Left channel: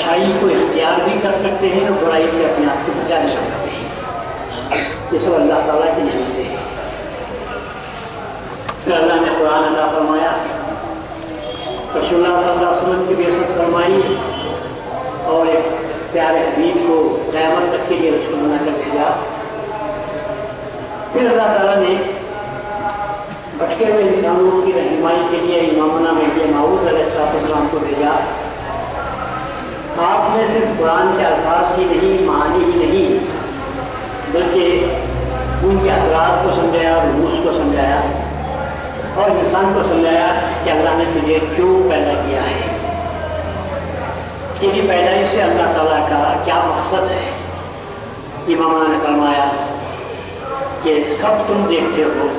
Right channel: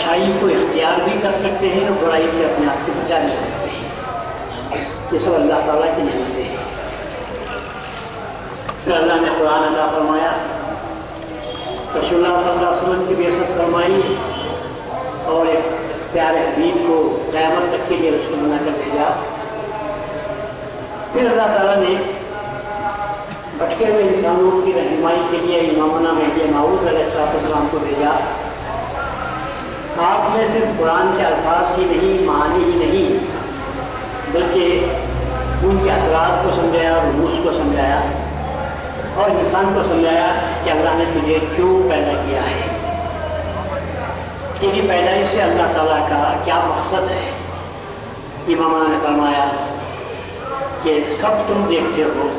अच्छाई को इख्तियार भी कर सकते हैं और बुराई से अपने आप को बचा भी सकते हैं। ये सब अल्लाह ताला की नेमतें हैं। फिर अल्लाह ने कुरान अता फरमाया, रसूलुल्लाह सल्लल्लाहु अलैहि वसल्लम की बेइज्जत फरमाई और एक प्यारे हबीब को क़यामत तक के लिए रसूल बनाकर भेजा। फिर अल्लाह ताला ने भटके हुए इंसानों की रहनुमाई के लिए इमामना महदी मऊद अलैहिस्सलाम को भेजा। आपने सिर्फ कुरान के अल्फाज ही नहीं, मानी ही नहीं, बल्कि उनके असरात को समझाया, रूस को समझाया और इंसान को समझाया कि अल्लाह ने तुझे क्यों पैदा किया है, तेरी पैदाइश से अल्लाह ताला का क्या मकसद है। इमाम ने फरमाया कि सब तुम देखते हो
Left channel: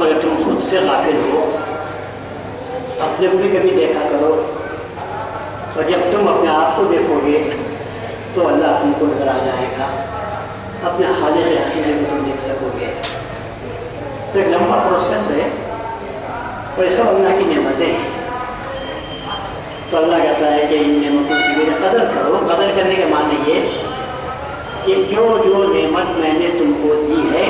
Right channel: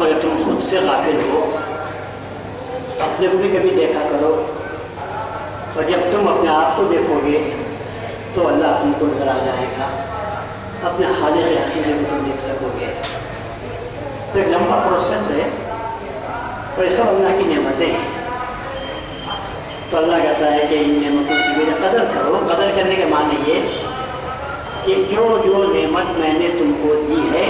मगर तुम खुद से गाफिल हो। अपने को भी कभी देखा करो और जब तुम अपने आप को देखोगे तो अल्लाह तुमको नजर आ जाएगा, अपने खालिक हकीम को तुम देख सकोगे। तो एक लंबा प्रोसेस है और ये सब अल्लाह की नेमतें हैं। तो अल्लाह कहता है कि इन नेमतों की मेरी कदर करो। कदर करने के माने ये कि जो जो नेमत मैंने तुमको दी है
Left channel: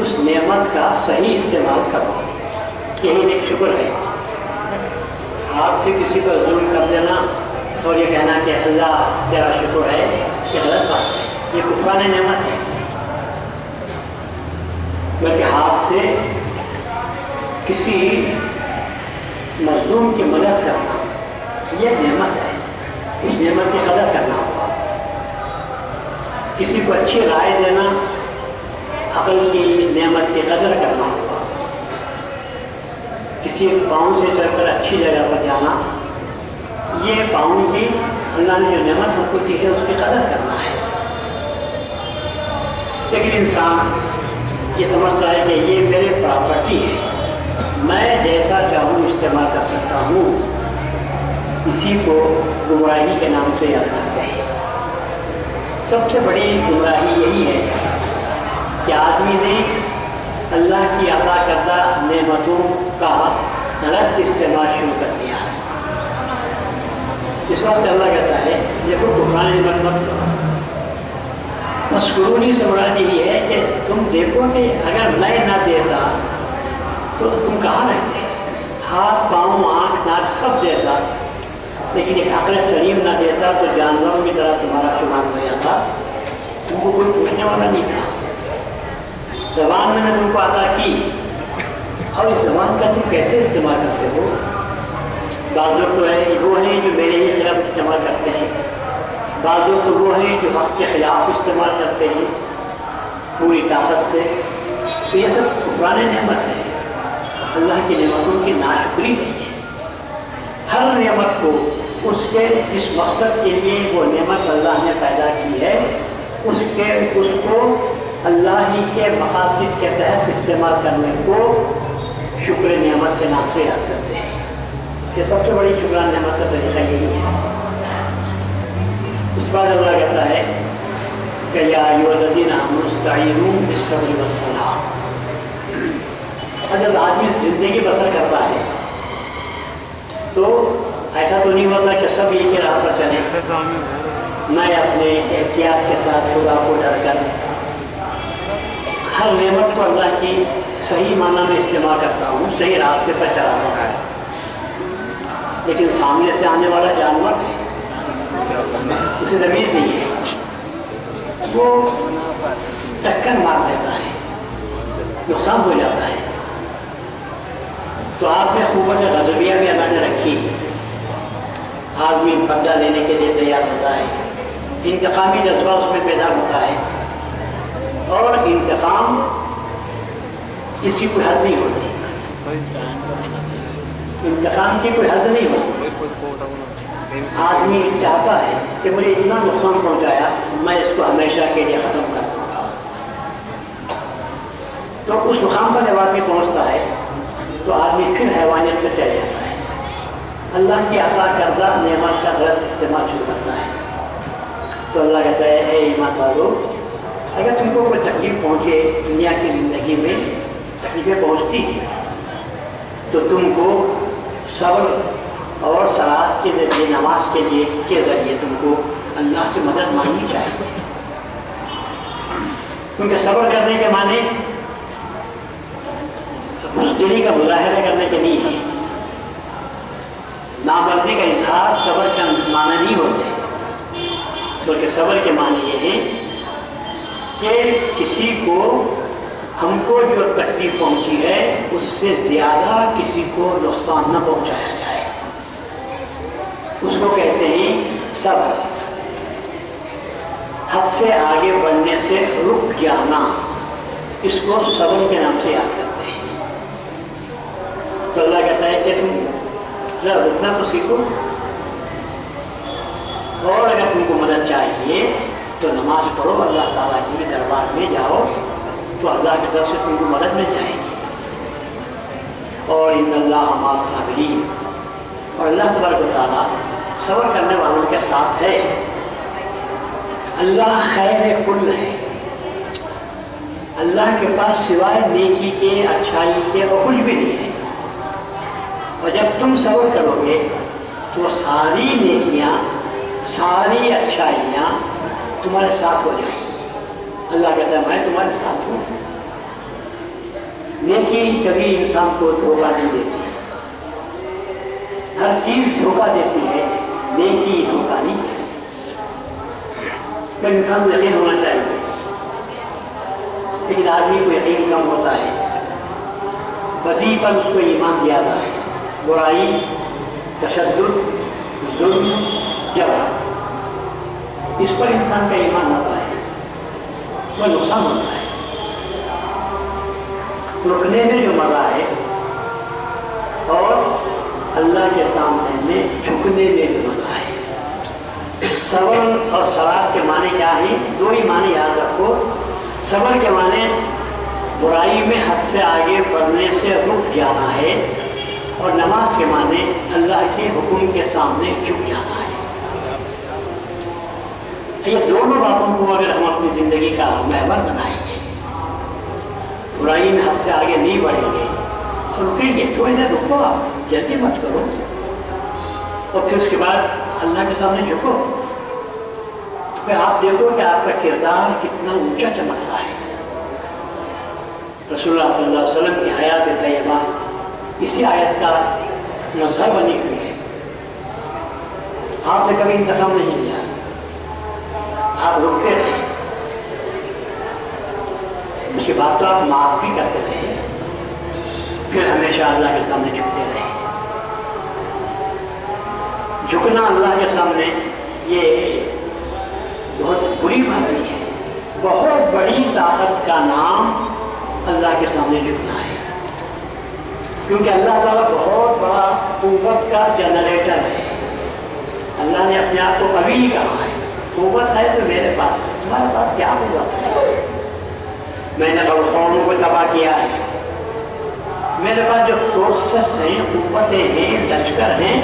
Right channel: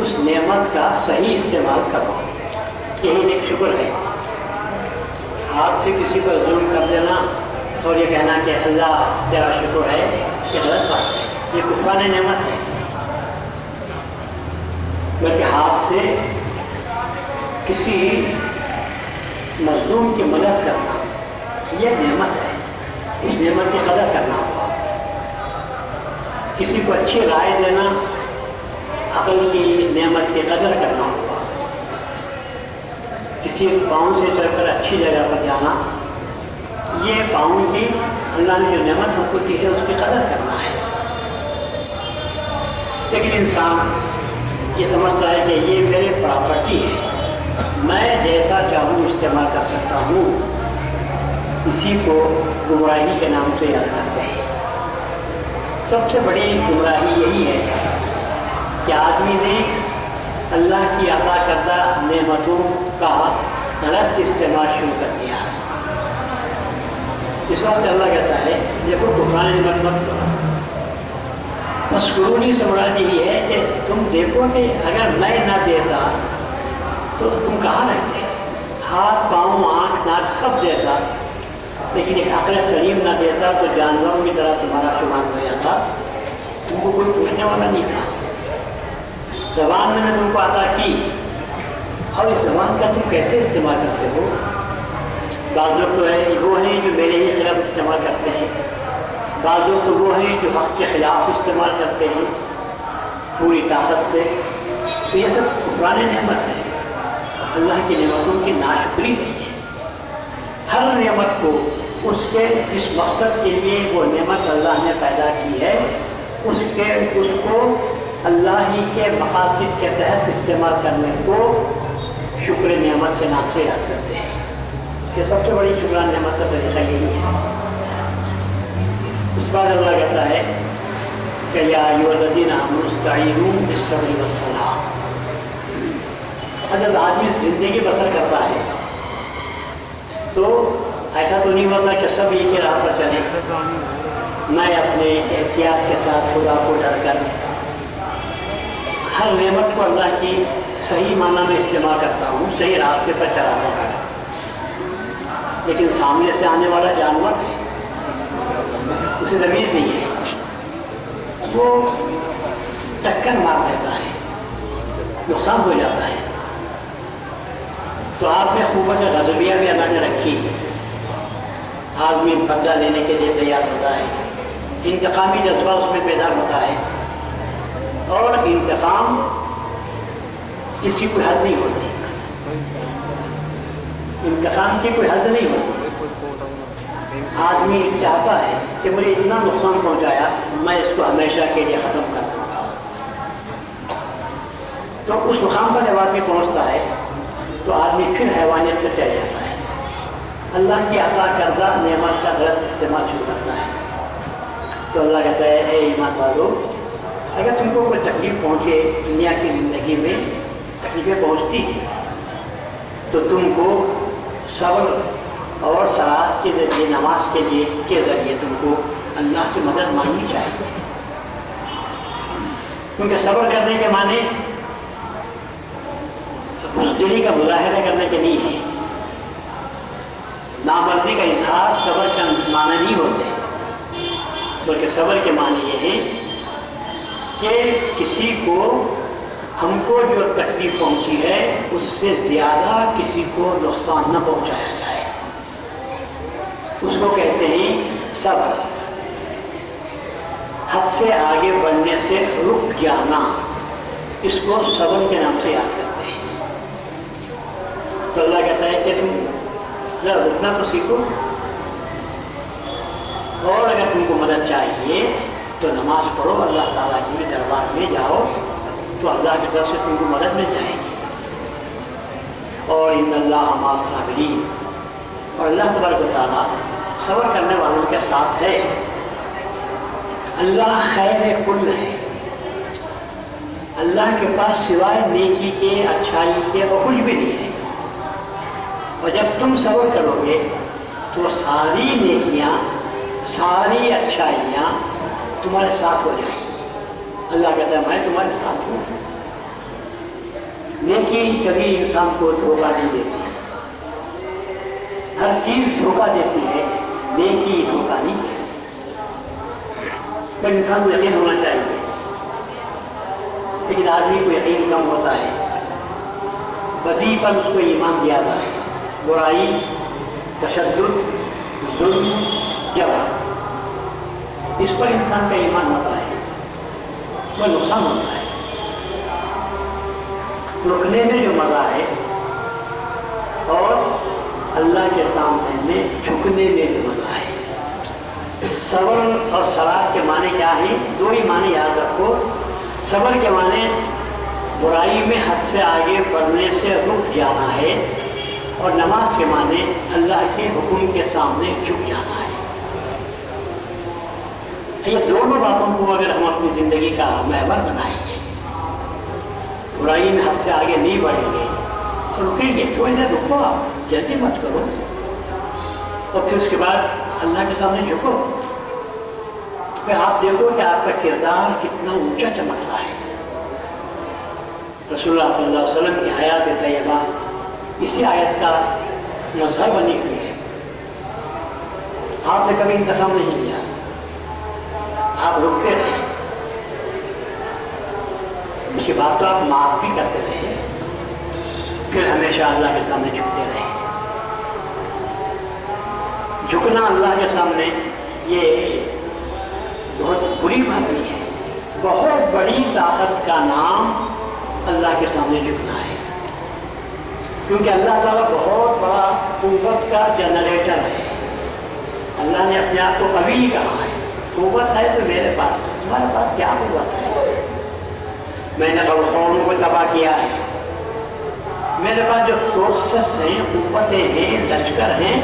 उस नेमत का सही इस्तेमाल करो। यही एक शुक्र है। हाथ से किसी पर जुल्म कर देना और ये कहना कि अल्लाह तेरा शुक्र है, ये गलत बात है, ये कुफराने नेमत है। बल्कि हाथ से किसी मजलूम की मदद करना ये नेमत है, इस नेमत की कदर करना होगा। किसी को अच्छी राय देना, अकल की नेमत की कदर करना होगा। किसी पाँव से चढ़कर अच्छी जगह पर जाना, ये पाँव की अल्लाह ने जो नेमत हमको दी है उसकी कदर करना है। लेकिन इंसान ये समझता है कि ये मेरी प्रॉपर्टी है, मैं जैसा चाहूँ इस्तेमाल कर सकता हूँ। इसी को गुमराही के नाम से याद करते हैं। सबसे बड़ी गुमराही यही है कि आदमी ने अल्लाह की अता करदा नेमतों का गलत इस्तेमाल शुरू कर दिया। इस वास्ते अल्लाह कहता है देखो कुफरान नेमत मत करो। मस्कुरूनी से मुराद यही है कि तुम देखो कि अगर मैं ना देता तो तुम कहाँ रहते। हाथ पाँव आँख नाक सब देता, लेकिन एक अक्ल सलीम ना देता तो जानवरों की तरह तुम्हारा शुमार हो जाता, तुमको कोई पूछने वाला नहीं था। ज़बान मैंने तुमको अता की और इस ज़बान का तुम कैसे इस्तेमाल करते हो। बाद लोग तो है वो हैं जो मेरे ही खिलाफ इस्तेमाल करते हैं, बाद लोग तो वो हैं जो हक़ के खिलाफ इस्तेमाल करते हैं पूरी ताकत से। तो ये सब पुराने नेमत है, अल्लाह की नेमतों की नाशुक्री है। हर नेमत को उसके इस मकसद के लिए वो नेमत अल्लाह ने पैदा की है, उसको अल्लाह ही के मकासद के तहत इस्तेमाल करने को शुक्र नेमत के नाम से याद करते हैं। ये सबसे बड़ी शुक्रान नेमत का तरीका यही है। इस बार अल्लाह कहता है कि या अय्युहल्लज़ीना आमनू इस्तईनू बिस्सब्रि वस्सलाह। जब आदमी ज़िंदगी बसर करता है तो ऐसा तो नहीं होता कि सब एक ही राह पर चले। मैं अपने एहतियात के साथ खुदा को डर कर हर नेमत को अल्लाह की सही माना में इस्तेमाल करता हूँ, सही रास्ते पर चलाता है। लेकिन सामने से आने वाला जानवर है, उसे ज़मीर नहीं है, वो टक्कर मार देता है, नुकसान हो जाता है। तो आपने क़ुव्वत ग़ज़बिया भी अल्लाह ने रखी। आदमी बदला लेने के लिए तैयार होता है, इंतकामी जज्बा उसमें पैदा होता है और इंतकाम इसकी कोई हद नहीं होती, इंतकाम की कोई हद नहीं होती। आदमी चाहता है कि मुझे इतना नुकसान पहुंचाया, मैं इसको हमेशा के लिए ख़त्म कर दूँगा। तो उस मुकाम पर जब आदमी पहुँचता है तो आदमी फिर हैवानियत पर चल जाता है, अल्लाह की अता करदा नेमत का गलत इस्तेमाल शुरू करता है। तो अल्लाह कहता है ए ईमान वालों, अगर तुमको कोई तकलीफ पहुँचे दुनिया की ज़िंदगी में, तकलीफें पहुँचती हैं तो तुमको सब्र اور صلاۃ کے ذریعے نماز کے ذریعے تم کو اللہ سے مدد مانگنی چاہیے، کیونکہ صبر کرنے کے معنی بزدلی کا مظاہرہ کرنے کے نہیں ہے، نامردی کا اظہار صبر کا معنی نہیں ہوتے، بلکہ صبر کے معنی یہ ہے کہ کسی کو ہم کو جو تکلیف پہنچی ہے اس سے زیادہ کسی کو نقصان نہ پہنچایا جائے، اس کو کہتے ہیں صبر۔ حد سے آگے بڑھنے سے رک جانا، اس کو صبر کے نام سے یاد کرتے ہیں۔ تو اللہ کہتا ہے کہ تم ذرا رکنا تو سیکھو، اور اگر تم کو مدد چاہیے تو نماز پڑھو، اللہ تعالیٰ کے دربار میں جاؤ تو اللہ کی طرف سے تم کو مدد مل جائے گی۔ اور ان اللہ مع الصابرین، اور اللہ تبارک و تعالیٰ صبر کرنے والوں کے ساتھ ہے۔ اللہ خیر کل ہے، اللہ کے پاس سوائے نیکی کے، اچھائی کے اور کچھ بھی نہیں ہے، اور جب تم صبر کرو گے تو ساری نیکیاں، ساری اچھائیاں تمہارے ساتھ ہو جائیں گی۔ اللہ کہتا ہے میں تمہارے ساتھ ہوں۔ نیکی کبھی انسان کو دھوکہ نہیں دیتی، ہر چیز دھوکہ دیتی ہے، نیکی دھوکہ نہیں دیتی۔ انسان کو یقین ہونا چاہیے، لیکن آدمی کو یقین کم ہوتا ہے، بدی پر اس کو ایمان زیادہ ہے، برائی، تشدد، ظلم، جبر، اس پر انسان کا ایمان ہوتا ہے، وہ نقصان ہوتا ہے۔ رکنے میں جو مزہ ہے اور اللہ کے سامنے میں جھکنے میں جو مزہ ہے۔ صبر اور صلاۃ کے معنی کیا ہے؟ دو ہی معنی یاد رکھو۔ صبر کے معنی برائی میں حد سے آگے بڑھنے سے رک جانا ہے، اور نماز کے معنی اللہ کے حکم کے سامنے جھک جانا ہے۔ یہ دونوں باتوں کو اگر ہم اپنی زندگی کا محور بنائیں گے، برائی میں حد سے آگے نہیں بڑھیں گے اور رکیں گے، تھوڑی دیر رکو، آپ جلدی مت کرو، اور پھر اس کے بعد اللہ کے سامنے جھکو، تو پھر آپ دیکھو کہ آپ کا کردار کتنا اونچا چمک رہا ہے۔ رسول اللہ صلی اللہ علیہ وسلم کی حیات طیبہ اسی آیت کا مظہر بنی ہوئی ہے۔ آپ نے کبھی انتخاب نہیں لیا، آپ رکتے رہے، اس کے بعد تو آپ معاف بھی کرتے رہے، پھر ہمیشہ اللہ کے سامنے جھکتے رہے۔ جھکنا اللہ کے سامنے یہ بہت بری بات نہیں ہے، بہت بڑی طاقت کا نام اللہ کے سامنے جھکنا ہے، کیونکہ اللہ تعالیٰ بہت بڑا قوت کا جنریٹر ہے۔ اللہ نے اپنے آپ کو کبھی کہا ہے قوت ہے تو میرے پاس ہے، تمہارے پاس کیا قوت ہے؟ میں نے بڑے قوموں کو تباہ کیا ہے، میرے پاس جو فورسز ہیں، قوتیں ہیں، لشکر ہیں،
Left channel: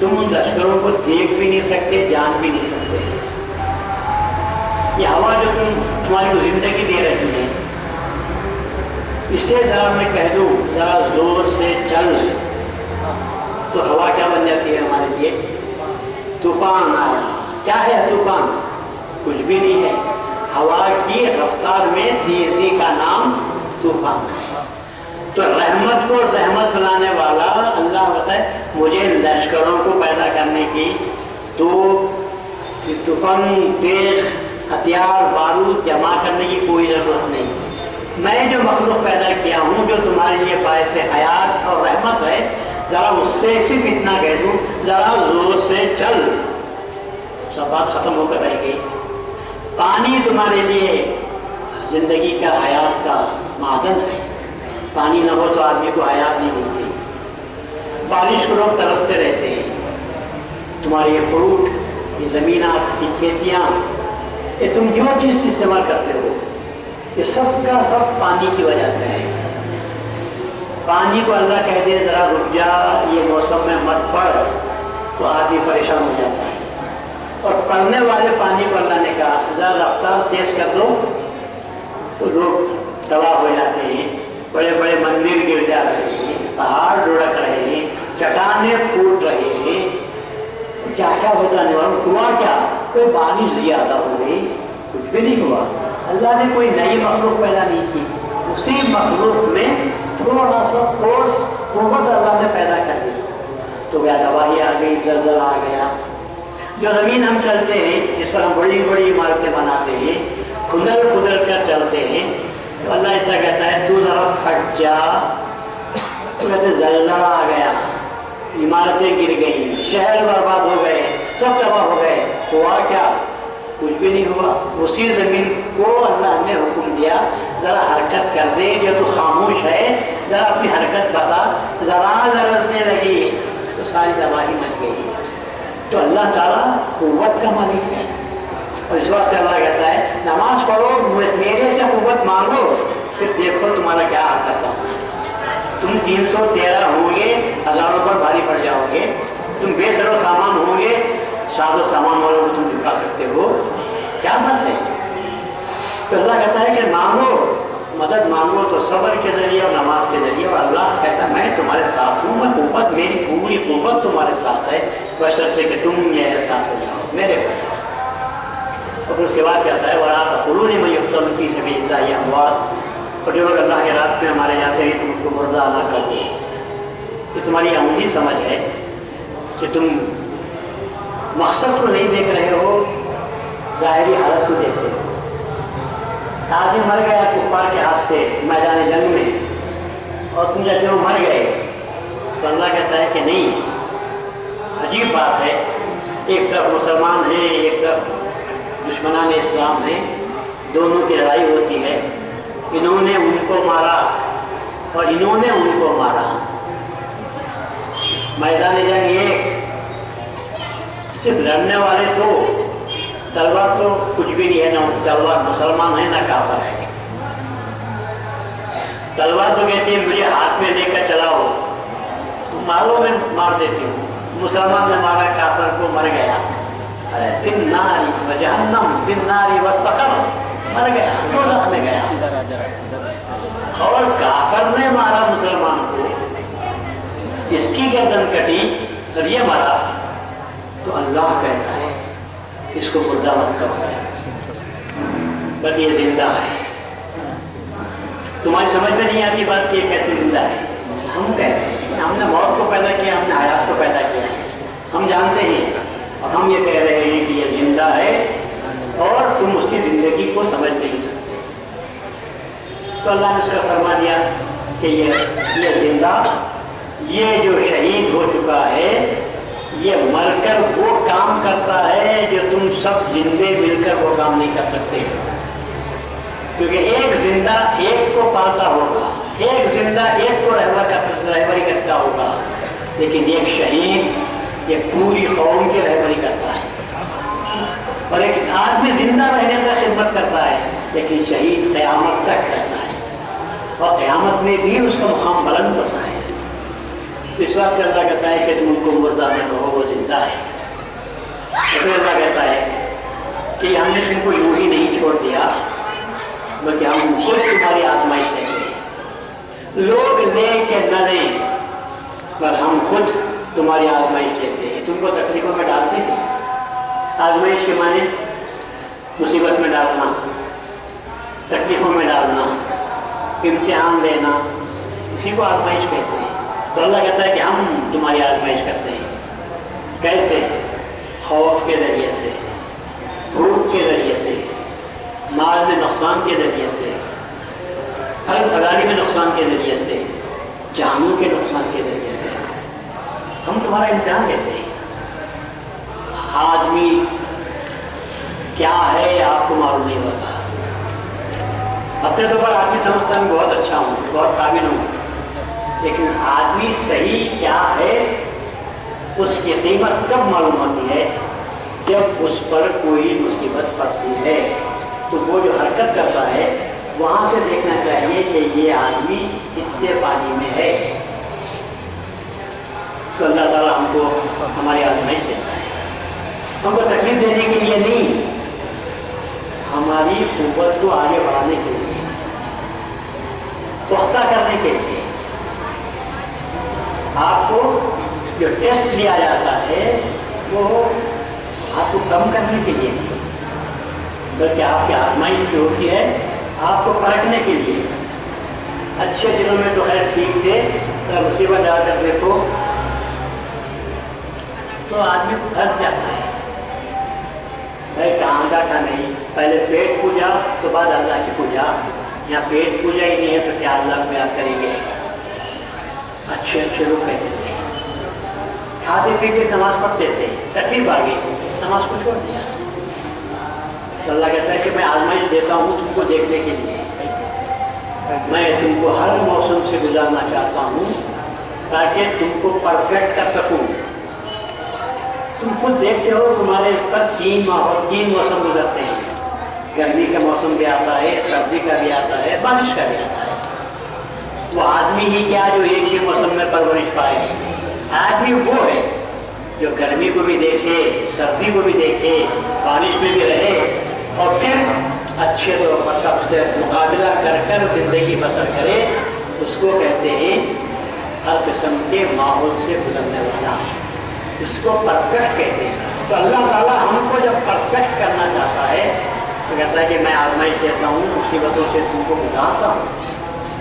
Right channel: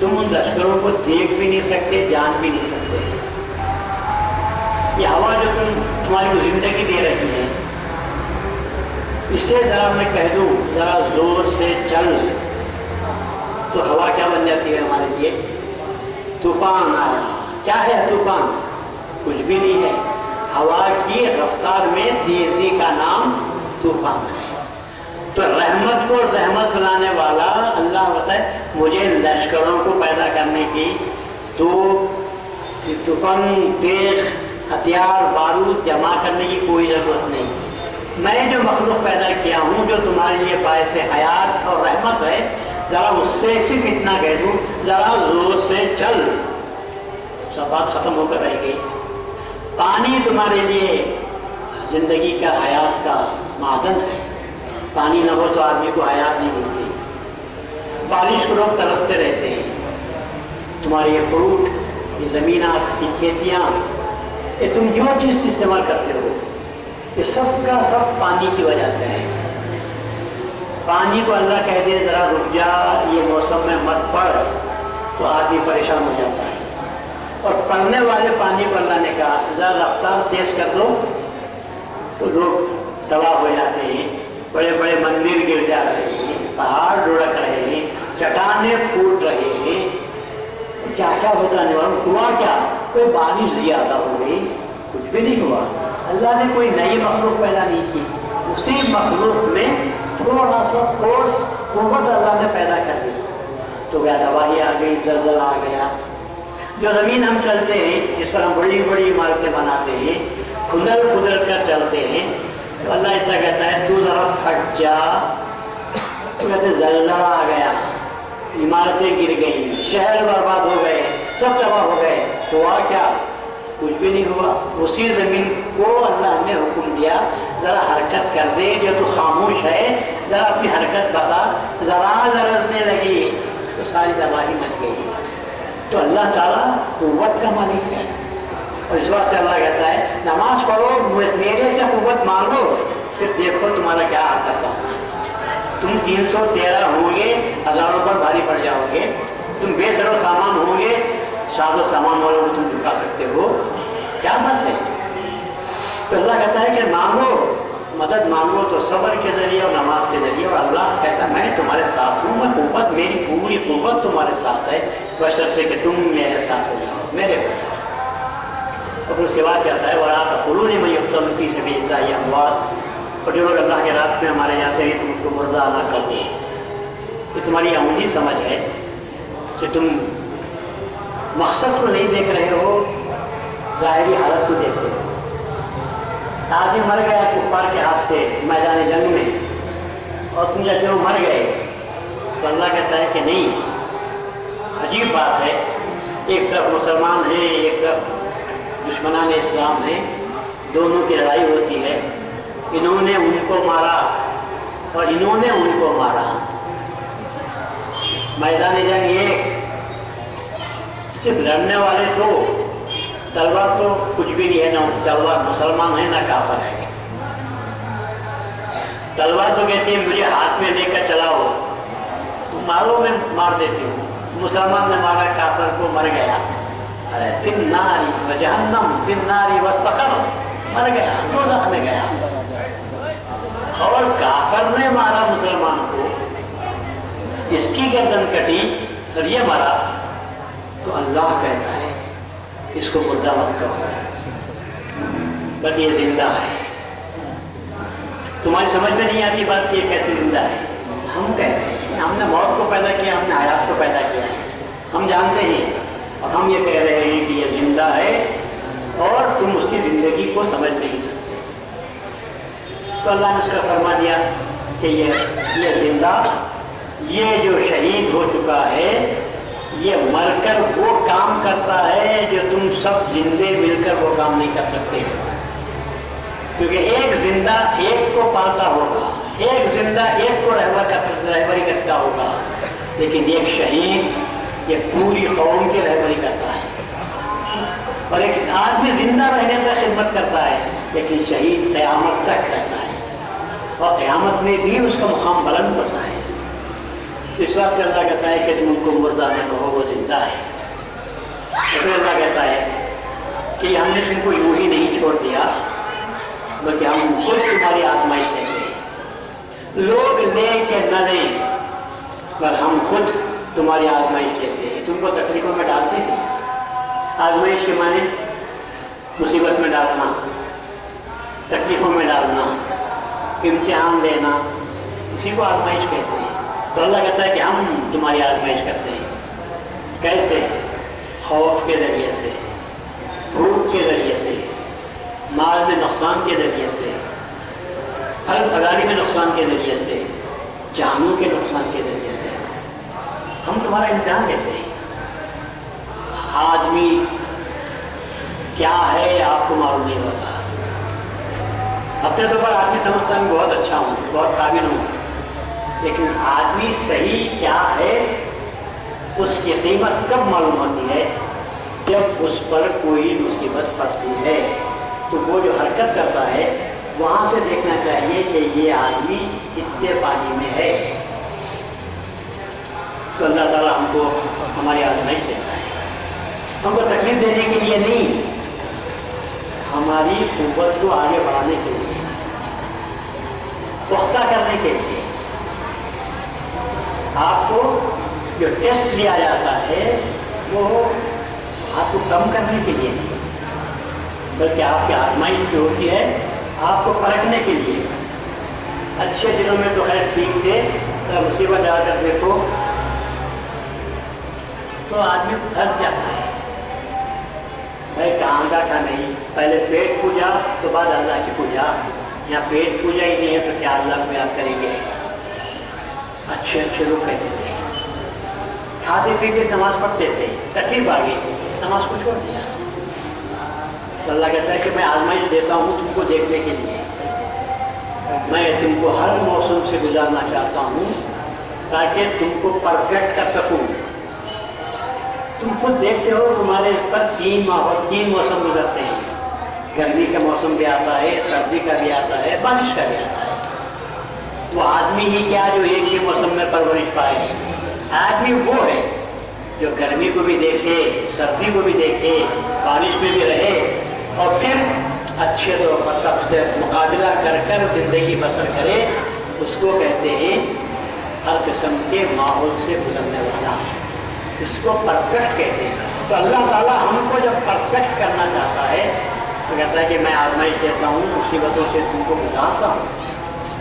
تم ان لشکروں کو دیکھ بھی نہیں سکتے، جان بھی نہیں سکتے۔ یہ ہوا جو تمہاری کو زندگی دے رہی ہے، اسے ذرا میں کہہ دوں ذرا زور سے چل تو ہوا کیا بن جاتی ہے ہمارے لیے؟ طوفان آیا۔ کیا ہے طوفان؟ کچھ بھی نہیں ہے، ہوا کی رفتار میں تیزی کا نام طوفان ہے۔ تو رحمت کو زحمت بنانے والا اللہ بتائے مجھے لشکروں کو پیدا کرنے کی، تو طوفان، تیز ہتھیار، بارود جمع کرنے کی کوئی ضرورت نہیں۔ میں جو مخلوق پیدا کیا ہوں جو تمہارے لیے باعث حیات اور رحمت ہے، ذرا اس سے صرف اتنا کہہ دوں ذرا زور سے چل، سب بات ختم ہو کر رہ گئی۔ پانی تمہارے لیے زندگی کا، حیات کا معدن ہے، پانی نہ ہو تو آدمی کو حیات نہیں ملتی۔ بارش کو لوگ ترستے رہتے ہیں، تمہارے یہ فروٹ، یہ زمینات، یہ کھیتیاں، یہ تم جو چیز استعمال کرتے ہو، یہ سب کا سب پانی کی وجہ سے ہے۔ پانی کو اللہ کہہ دے ذرا رک جا، یہ موسم میں مت پڑ، تو آدمی پریشان ہو جاتا ہے، اور پڑنے والے پانی کو اللہ نے کہا ذرا رفتار تیز کر دو تو لوگ تباہ ہو جاتے ہیں، بڑے بڑے مندر گر جا رہے ہیں، پہاڑ لڑک رہے ہیں، चट्टानें फूट रहे हैं, क्या क्या होता नहीं हुआ क्या? कोई बारिश ज्यादा हो गई, कुछ भी नहीं हुआ। अल्लाह ने कोई नई मखलूक पैदा नहीं की, उसी मखलूक में थोड़ा सा फोर्स कुव्वत अल्लाह ने पैदा कर दी, तो क्या तबाही आ गई, जलजला आ गया। जो जमीन हम चलते हैं, जिस पर हम बड़ी बड़ी इमारतें बनाते हैं, खुदर खुदर कर चलते हैं, तो अल्लाह इतना कहता है तू जरा फट जा, तो कहते जलजला आ गया, इमारतें गिर गई, शहर बर्बाद हो गए, सब तबाह हो गए। हुआ क्या? कुछ भी नहीं हुआ। उसी जमीन को अल्लाह ने हुक्म दिया जरा हरकत कर दे, जो तू खामोश है जरा अपनी हरकत बता, जरा लरजने लगी तो सारी तबाही मच गई। तो अल्लाह ताला कुव्वत का मालिक है, और इस बात से अल्लाह कहता है नमाज पढ़ो, मेरे से कुव्वत मांगो, फिर देखो तुम्हारा क्या हाल करता हूँ। तुम 313 होंगे, हजारों पर भारी पड़ जाओगे, तुम बेसरो सामान होंगे, सादो सामान वालों को तुम झुका सकते हो, क्या मत है। तो अल्लाह कहता है कि मांगो, मदद मांगो तो सब्र के जरिए और नमाज के जरिए, और अल्लाह कहता है मैं तुम्हारे साथ हूँ, मैं कुव्वत, मेरी पूरी कुव्वत तुम्हारे साथ है, बशर्ते कि तुम मेरे साथ हो जाओ, मेरे हो जाओ। और फिर उसके बाद कहता है वरा कुलू ने मैं युक्तम की सभी ये अमवात, और जो लोग अल्लाह के रास्ते में हमारे जाते हैं तुम उसको मुर्दा ना करो। ये तुम्हारी अमूली समझ है कि तुम मकसद को नहीं देख रहे हो, ज़ाहिरी हालत को देखते हो। आदमी मर गया कुफ्फार के हाथ से मैदान जंग में, और तुम कहते हो मर गए, तो अल्लाह कहता है कि नहीं। अजीब बात है, एक तरफ मुसलमान हैं, एक तरफ दुश्मनान इस्लाम हैं, दोनों की लड़ाई होती है। इन्होंने उनको मारा और इन्होंने उनको मारा, मैदान जंग एक, सिर्फ लड़ने वाले दो, तलवार तो कुछ भी नहीं है, ना तलवार मुसलमान है ना काफर है। तलवार तो कहती है मुझे हाथ में लेकर चलाओ, तुम मारो, मैं मार देती हूँ। मुसलमान ने मारा काफर को, मर गया। अरे फिर नारी व जहन्नम फिर नारी वस्तकर, मर गया, दोज़ख में गया। और काफर ने मारा मुसलमान को, इसकी गर्दन कटी और ये मरा, तो अल्लाह कहता है इसको मुर्दा मत करो, बट ये जिंदा है। तुम्हारी समझ में नहीं आती बात कि ये कैसे जिंदा है। हम कहते हैं हमने मौत को पैदा किया, हमने हयात को पैदा किया है, हम जानते हैं, और हम ये कह रहे हैं कि ये जिंदा है और तुम उसकी जिंदगी को समझ नहीं सकते। तो अल्लाह ने उसका फरमा दिया कि ये जिंदा, ये जो शहीद हो चुका है, ये मरकर वो काम करता है जो तुम सब जिंदे मिलकर वो काम नहीं कर सकते। क्योंकि एक जिंदा एक को पालता होगा, एक जिंदा एक को रहबरी करता होगा, लेकिन एक शहीद ये पूरी कौम की रहबरी करता है। और एक आदमी जिंदा रहने तक खिदमत करता है, लेकिन शहीद क़यामत तक रहता है, और क़यामत में भी उसका मुकाम बुलंद होता है। तो इस बात से अल्लाह कहता है कि तुम उनको मुर्दा न कहो, वो जिंदा है। तो फिर अल्लाह कहता है कि हमने तुमको यूं ही नहीं छोड़ दिया, बल्कि हम खुद तुम्हारी आजमाइश लेते हैं। लोग ले के न लें, पर हम खुद तुम्हारी आजमाइश लेते हैं। तुमको तकलीफों में डालते हैं। आजमाइश के माने मुसीबत में डालना, तकलीफों में डालना, इम्तिहान लेना, इसी को आजमाइश कहते हैं। तो अल्लाह कहता है कि हम तुम्हारी आजमाइश करते हैं। कैसे? खौफ के ज़रिए से, भूख के ज़रिए से, माल में नुकसान के ज़रिए से, फल फलारी में नुकसान के ज़रिए से, जानों के नुकसान के ज़रिए से हम तुम्हारा इम्तिहान लेते हैं। आदमी क्या है आपको मालूम नहीं होता। अपने तौर पर आदमी समझता है बहुत अच्छा हूँ, बहुत काबिल हूँ, लेकिन आदमी सही क्या है उसकी कीमत कब मालूम होती है? जब उस पर कोई मुसीबत पड़ती है। तो वो जो हरकत करता है वहाँ से देखना चाहिए कि ये आदमी कितने पानी में है। तो अल्लाह ताला हमको हमारी आजमाइश देता है, हमको तकलीफ देने के लिए नहीं, हमारी कुव्वत को आगे बढ़ाने के लिए, पुख्ता करने के लिए। आपको جو ٹیسٹ لیا جاتا ہے وہ آپ کو کم کرنے کے لیے نہیں، بلکہ آپ کی آزمائش جو ہوتی ہے آپ کو پرکھنے کے لیے۔ اچھے دنوں میں تو خیر ٹھیک تھے، مصیبت آ کر دیکھو تو آدمی پھنس جاتا ہے، بھائی کہاں کا نہیں، پہلے پیٹ پوجا تو بعد اللہ کی پوجا، یہاں پیٹ پوجا ہی نہیں ہے تو کیا اللہ کو یاد کریں گے؟ اچھے اچھے لوگ کہتے تھے، کھاتے پیتے نماز پڑھتے تھے، تکلیف آ گئی نماز کو چھوڑ دیا۔ تو اللہ کہتا ہے کہ میں آزمائش دیتا ہوں تم کو دیکھنے کے لیے، میں تم کو ہر موسم سے گزارنا چاہتا ہوں تاکہ تم کو پرفیکٹ کر سکوں۔ تم خود دیکھتے ہو تمہارے پر تین موسم گزرتے ہیں، گرمی کا موسم بھی آتا ہے، سردی کا بھی آتا ہے، بارش کا بھی آتا ہے۔ وہ آدمی ہی کیا جو ایک ہی موسم میں پرورش پائے؟ آدمی وہ ہے جو گرمی کو بھی دیکھے، سردی کو بھی دیکھے، بارش میں بھی رہے، اور پھر اچھے طور پر سب سے مقابلہ کر کر زندگی بسر کرے، اس کو کہتے ہیں ہر قسم کے ماحول سے گزرنے والا، اس کو پرفیکٹ کہتے ہیں۔ تو اللہ تعالیٰ ہم کو جب پرفیکٹ کرنا چاہتا ہے تو کہتا ہے کہ میں آزمائش دیتا ہوں، مصیبتوں سے تم کو گزارتا ہوں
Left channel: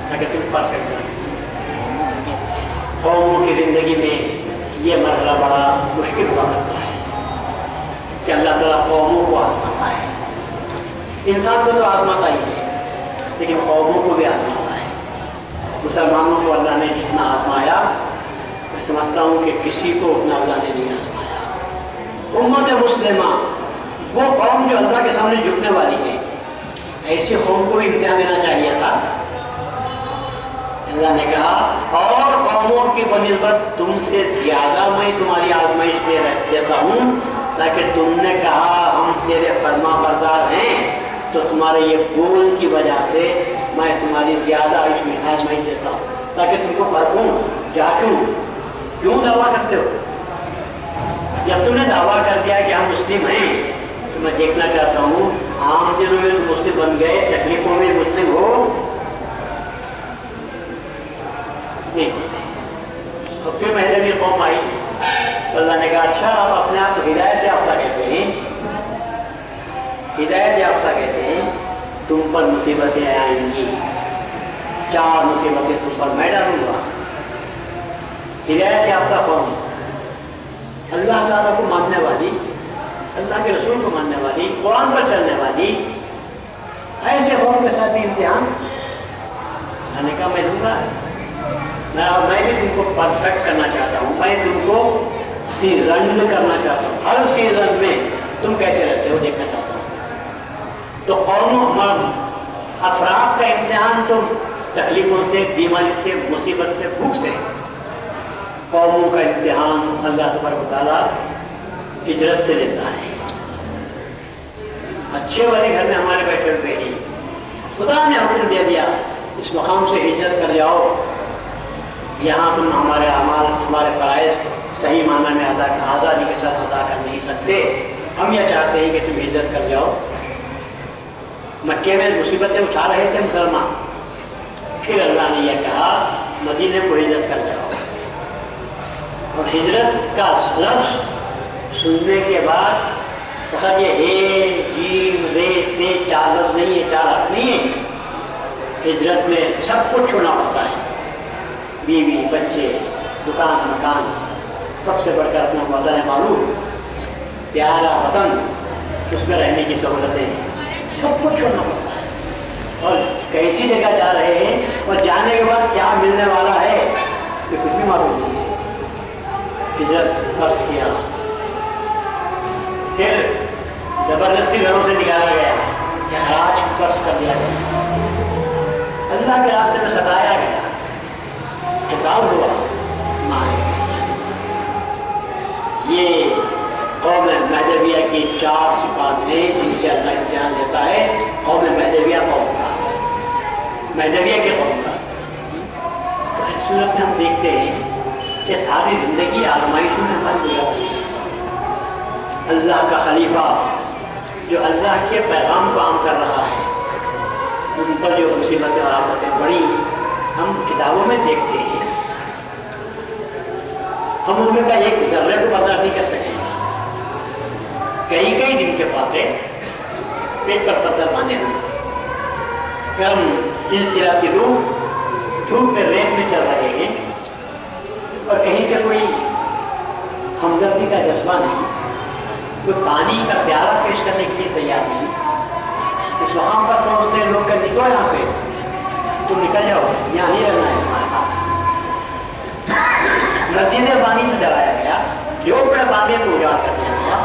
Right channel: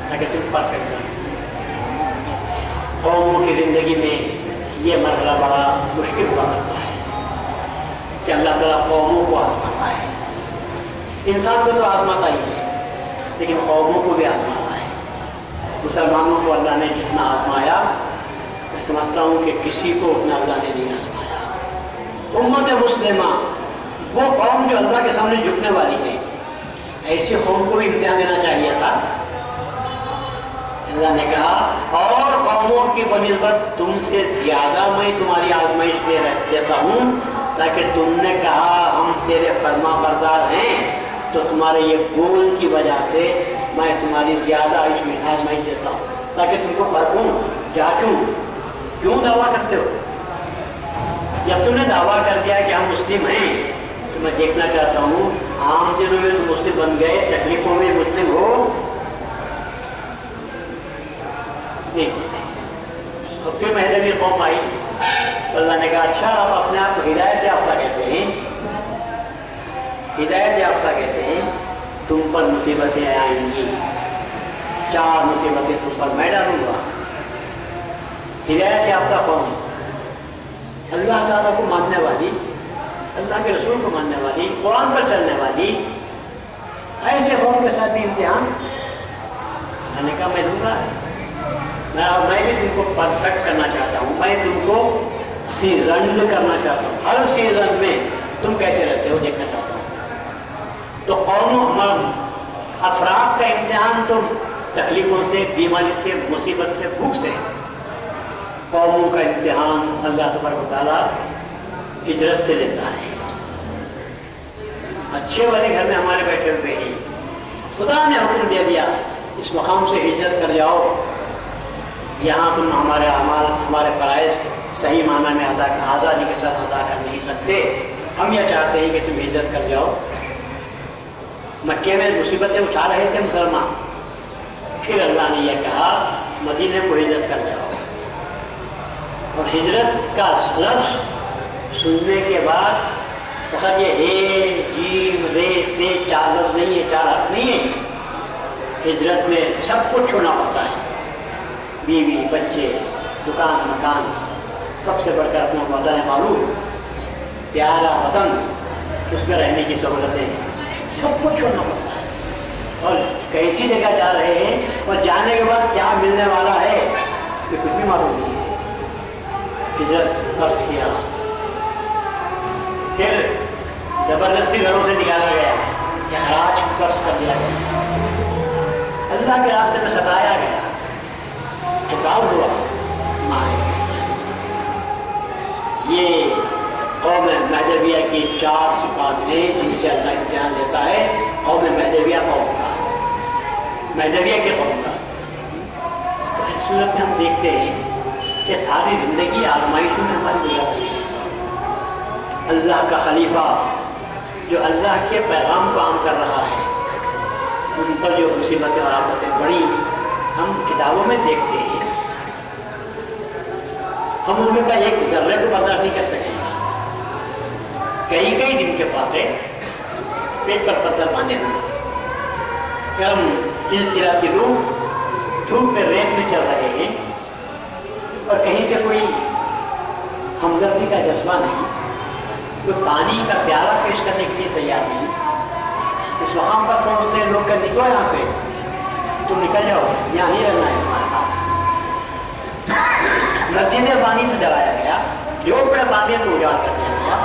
تاکہ تم پرفیکٹ بنو۔ قوموں کی زندگی میں یہ مرحلہ بڑا مشکل ہوا کرتا ہے کہ اللہ تعالیٰ قوموں کو آزماتا ہے۔ انسان کو تو آزماتا ہی ہے لیکن قوموں کو بھی آزماتا ہے۔ مسلمانوں کو اللہ نے جتنا آزمایا میں سمجھتا ہوں کہ کسی کو اتنا اللہ نے نہیں آزمایا۔ امت مسلمہ وہ قوم جو اللہ کے سامنے جھکنے والی ہے، ایسی قوم کو بھی امتحان دینا چاہیے تھا۔ اللہ نے کہا اور قوموں کی بنسبت تم سے زیادہ میں تمہاری آزمائش دیتا ہوں، تاکہ تم نے کہا ہم تیرے فرما بردار ہیں تو تمہارے یہ بول کی وجہ سے میں تمہاری زیادہ آزمائش دیتا ہوں تاکہ تم کو پرکھوں، جانچوں۔ کیوں دعویٰ کرتے ہو؟ جب تم نے دعویٰ کر دیا کہ ہم مسلم ہیں تو میں دیکھنا چاہتا ہوں عام دنوں میں تم مسلم بن گئے، تکلیفوں میں مسلم ہو نہیں۔ اور پھر مہدوی قوم آئی تو اللہ نے کہا اچھا آپ اپنے آپ کو ہدایت یافتہ کہتے ہیں، ہدایت یافتہ کہتے ہیں، تم پر مصیبتیں آئیں گی، 4 مصیبتیں تم پر میں ڈالوں گا۔ ہدایت یافتہ قوم، اللہ تعالیٰ کو ماننے والی، اللہ کے رسول کو ماننے والی، قرآن پر چلنے والی، ایسے قوم کے ساتھ بھی امتحان میں نے کہا میں دوں گا۔ میں بھی تم کو پرفیکٹ کرنا چاہتا ہوں، میں تم کو سیزنڈ کرنا چاہتا ہوں، ہر سیزن میں تم کیسے رہتے ہو دیکھنا چاہتا ہوں۔ تو قوموں افراد کا امتحان تو تکلیفوں سے، بیماری سے، مصیبت سے، بھوک سے، قوموں کا امتحان اللہ تبارک و تعالیٰ ہجرت سے لیتا ہے۔ اچھے والے گھر میں ہمارے بیٹھے ہوئے ہی خدا نے حکم دے دیا اس مقام سے ہجرت کر جاؤ، یہاں تم ہمارے اعمال، ہمارے فرائض صحیح معنی میں آزادی کے ساتھ ادا کر نہیں سکتے، ہم یہ چاہتے ہیں کہ تم ہجرت کر جاؤ۔ مکے میں مصیبتیں اٹھا رہے تھے مسلمان، پھر اللہ نے یہ کہا مدینے کو ہجرت کر جاؤ۔ اور ہجرت کا لفظ سننے کے بعد فقط یہ ہے جیم رے تے 4 لفظ نہیں ہے، 4 حرف نہیں ہے۔ ہجرت میں سب کچھ چھوڑنا ہوتا ہے، بیوی، بچے، دکان، مکان، سب سے بڑھ کر اپنا وطن ہے معلوم، پیارا وطن، اس میں رہنے کی سہولتیں، سب کچھ چھوڑنا پڑتا ہے۔ اور کیسی جگہ جا رہے ہیں اور جانے کے بعد کیا ملنے والا ہے یہ کچھ بھی معلوم نہیں ہے۔ ہجرت فرض کیا، پھر زبردستی گھروں سے نکالا گیا، اخراج فرض کر دیا گیا، اللہ کے راستے میں ستایا گیا، خطاب ہوا مارے گئے۔ یہ قوم مہدویہ کی 4 صفات ہیں جن سے اللہ امتحان لیتا ہے قوم مہدویہ قوم کا، مہدویہ کے قوم کا۔ تو اس صورت میں ہم دیکھتے ہیں کہ ساری زندگی آزمائشوں میں ہماری گزر رہی ہے۔ اللہ کا خلیفہ جو اللہ کے پیغام کو عام کر رہا ہے، ان پر جو مصیبتیں اور آفتیں بڑی ہم کتابوں میں دیکھتے ہیں، हम उनमें का एक जर्रे को बर्दाश्त नहीं कर सकेंगे। कई कई दिन के पाते पेट पर पत्थर बांधे हुए हम चिलचिलाती धूप में रेत में चल रहे हैं और कहीं से कोई हमदर्दी का जज्बा नहीं, कोई पानी का प्याला पेश करने के लिए तैयार नहीं। इस वहां पर पहुंचते हैं लोग, कहते निकलो यहाँ से, तुम निकल जाओ, यहाँ नहीं रहना है हमारे पास। मस्जिद में पानी से जलाया गया, जो बड़े बांधे तो उजाड़ कर दिया गया।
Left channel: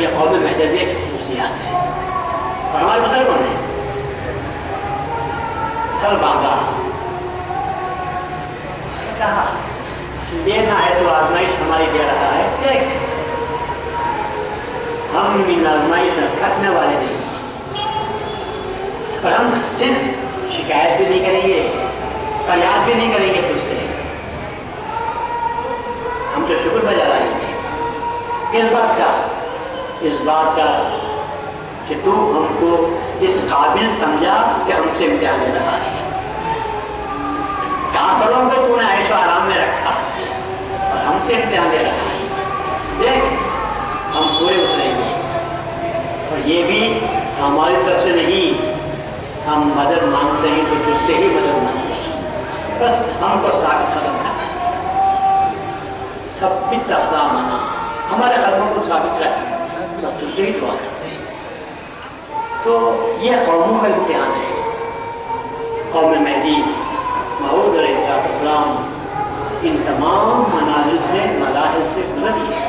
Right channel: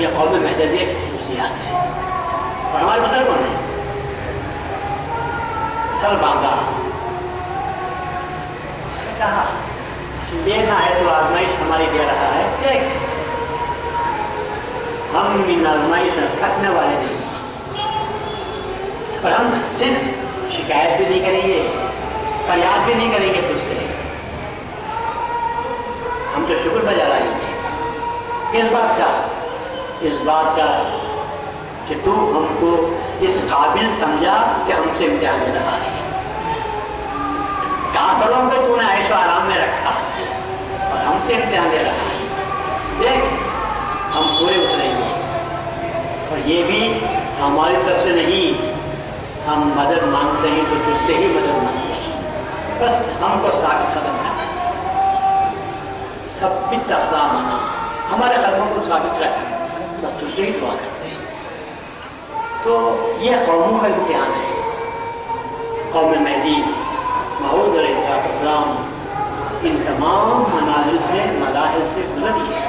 ये कौम महजबी की खुशियात है। और हमारे बुजुर्गों ने सर बांधा, कहा देना है तो आजमाइश हमारी दे रहा है, देख हम इन आजमाइश में थकने वाले नहीं, पर हम सिर्फ शिकायत भी नहीं करेंगे, फरियाद भी नहीं करेंगे तुझसे, हम तो शुक्र बजा लाएंगे। इस बात का कि तू हमको इस काबिल समझा कि हमसे इम्तिहान ले रहा है। काफिरों को तूने ऐशो आराम में रखा और हमसे इम्तिहान ले रहा है, देख हम पूरे उतरेंगे। और ये भी हमारी तरफ से नहीं, हम मदद मांगते हैं तो तुझसे ही मदद मांगते हैं, बस हमको साबित कदम रख, सब भी तख्ता मना, हमारे कदमों को साबित रख, तब तुझसे ही दुआ करते हैं। तो ये कौमों का इम्तिहान है। कौम मेहदी मऊद अलैहिस्सलाम इन तमाम मनाजिल से, मदाहिल से गुजरी है,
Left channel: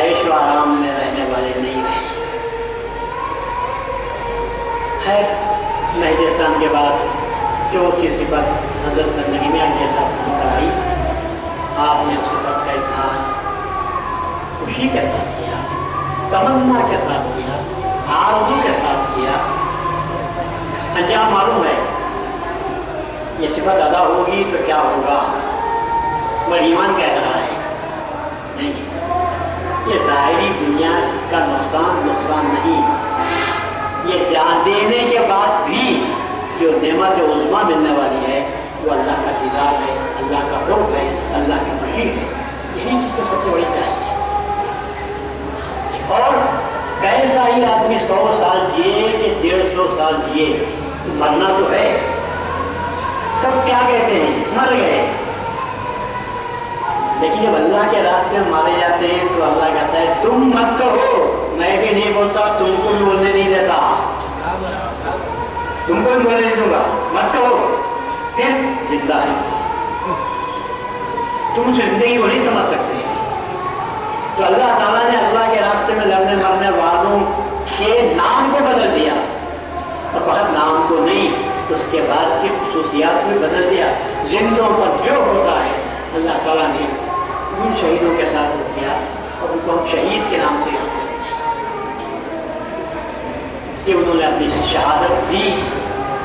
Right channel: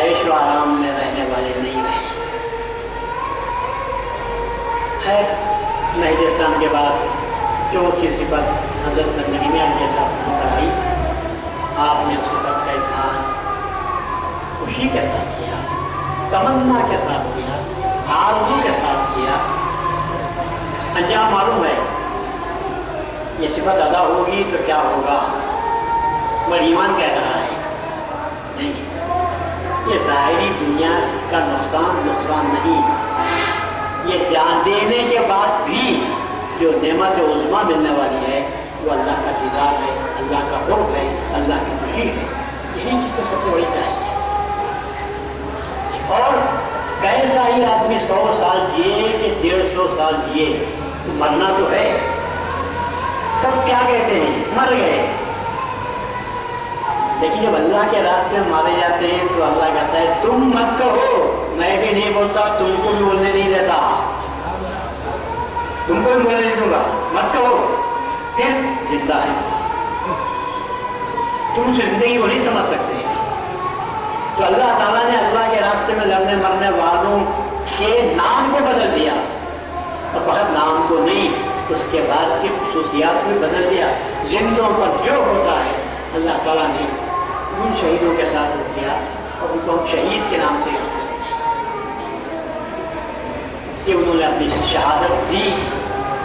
ऐश व आराम में रहने वाले नहीं रहे। खैर मेहदी इस्लाम के बाद चौथी सिफत हज़रत ज़िंदगी में के साथ आई, आपने उस सिफत का इज़हार खुशी के साथ किया, तमन्ना के साथ किया, आरज़ू के साथ किया। अंजाम मालूम है, ये सिफत अदा होगी तो क्या होगा, मगर ईमान कह रहा है नहीं, ये ज़ाहिरी दुनिया का नुकसान नहीं, ये जान देने के बाद भी जो नेमत उज़्मा मिलने वाली है वो अल्लाह का दीदार है, अल्लाह का क़ुर्ब है, अल्लाह की खुशी है। यही चीज़ तो सबसे बड़ी चाहिए। और कैसा ही आदमी 100 साल जिए कि 150 साल जिए, तो मरना तो है। सब क्या कहते हैं, मर गए, लेकिन जब अल्लाह के रास्ते में मारे जाते हैं तो अल्लाह कहता है तुम मत कहो, मैं भी नहीं बोलता, तुमको भी बोलने नहीं देता, तुमको भी बोलने नहीं दूंगा, मत कहो, फिर जिंदा है, तुम जिंदगी को नहीं समझ सकते। तो अल्लाह ताला ने अल्लाह के रास्ते में लड़ने मरने वालों के नाम को बदल दिया, और बहुत नाम को नहीं, उसके बाद की खुसूसियात भी बदल दिया। जिंदों पर जो होता है अल्लाह ताला ने उन शहीदों के साथ किया, और उनको हम शहीद के नाम से याद करते हैं कि उन्होंने अपनी शहादत दी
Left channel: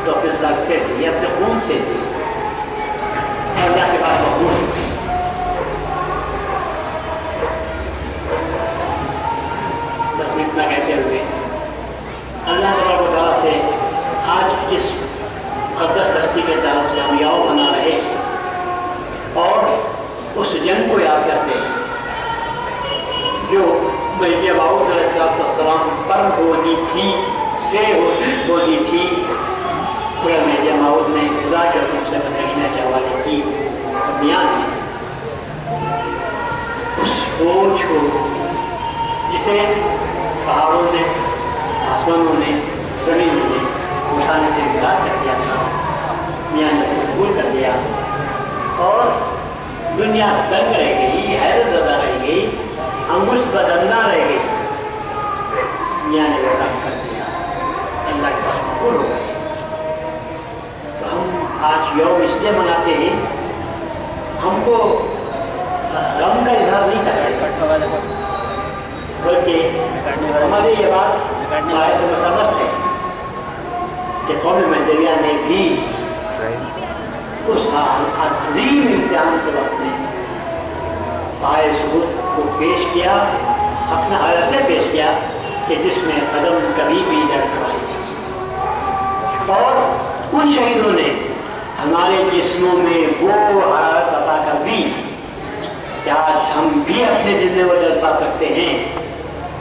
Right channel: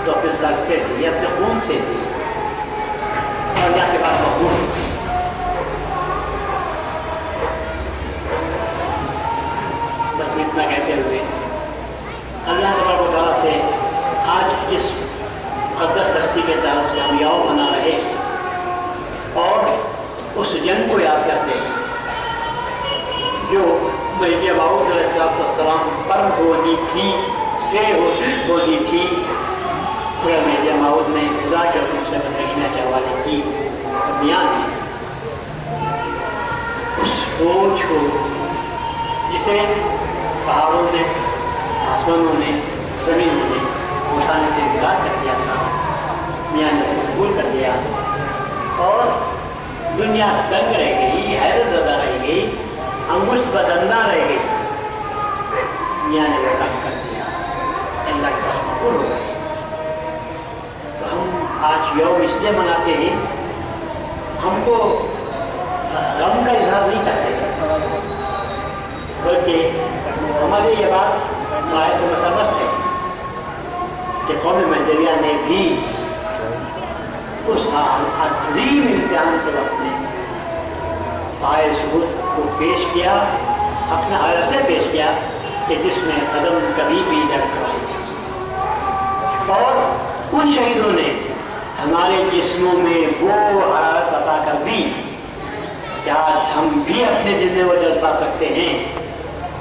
तो अपने सर से दी, अपने खून से दी, अल्लाह के बाद मकबूल हो गई। बस में इतना कहते हुए अल्लाह तबारक से आज इस मुक़द्दस हस्ती के ताल्लुक़ से हम याद मना रहे हैं और उस जंग को याद करते हैं जो महीदी मऊद अलैहिस्सलाम पर बोली थी बोली थी, मगर महीदी मऊद ने खुदा के हुक्म से बदलने के हवाले की। दुनिया ने उस बोझ को जिसे पहाड़ों ने, आसमानों ने, ज़मीनों ने उठाने से इनकार कर दिया था, मियाँ ने कबूल कर दिया और दुनिया दंग रह गई, हैरत ज़दा रह गई, अंगुश बदलना रह गई। मियाँ ने वो काम कर दिया, अल्लाह के पास कबूल हो गए। तो हम आज यौम इसलिए मनाते हैं, हमको गम का इजहार नहीं करते, बल्कि हमारी ये बात बायस मसरत है कि कौम महदविया ने भी उस अजीम इम्तिहान के वक्त में पाए सबूत को पेश किया, अपना हालत से पेश किया कि जिसमें कदम कभी भी लड़खड़ाई नहीं। और उन शहीदों ने ہمارے جسموں میں وہ حرارت عطا کر دی کہ آج ہم بھی اپنے دل میں وہ جذب پا سکتے ہیں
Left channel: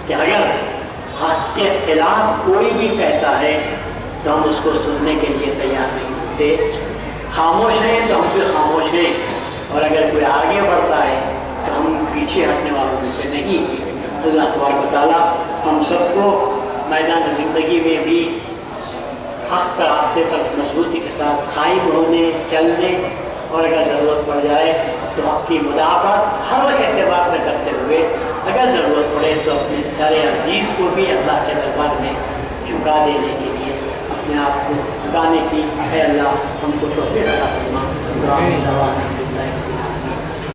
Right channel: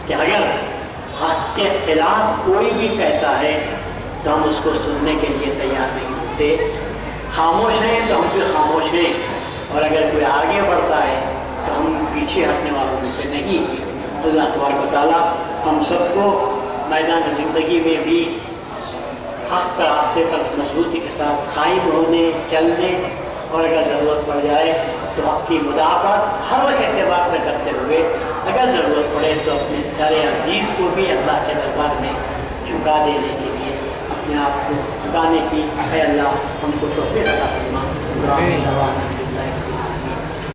کہ اگر حق کے خلاف کوئی بھی کہتا ہے تو ہم اس کو سننے کے لیے تیار نہیں ہوتے، خاموش ہیں تو ہم بھی خاموش ہیں، اور اگر کوئی آگے بڑھتا ہے تو ہم پیچھے ہٹنے والوں میں سے نہیں ہیں۔ اللہ تبارک و تعالیٰ ہم سب کو میدان زندگی میں بھی حق کا راستے پر مضبوطی کے ساتھ قائم ہونے، چلنے، اور اگر ضرورت پڑ جائے تو حق کی مدافعت ہر اعتبار سے کرتے ہوئے اگر ضرورت پڑے تو اپنے سارے عزیز کو بھی اللہ کے دربار میں جھکا دینے کے لیے اپنے آپ کو جھکانے کی، اے اللہ ہم کو توفیق عطا فرما۔